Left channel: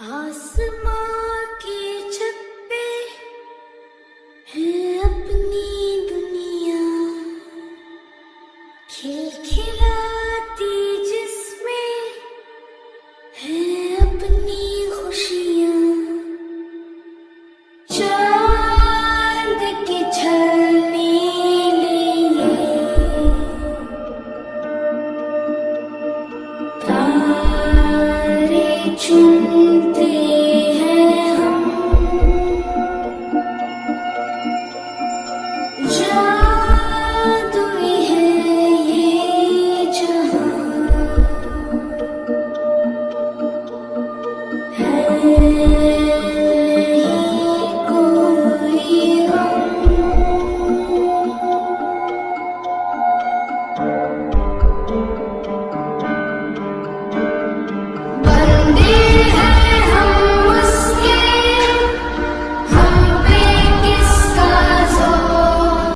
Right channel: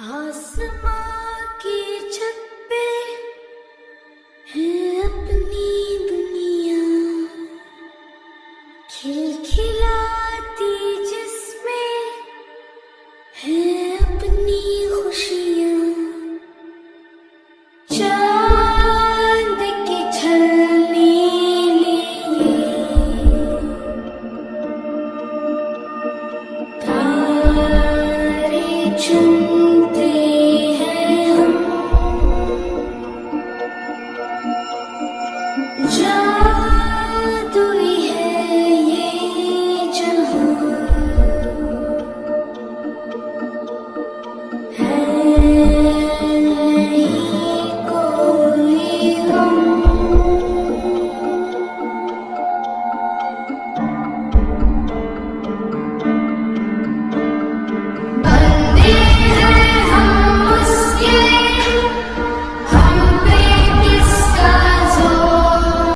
आसमां की छत पे है अपनी दुनिया खिलखिलाती जिसमें है अपनी खुशियाँ।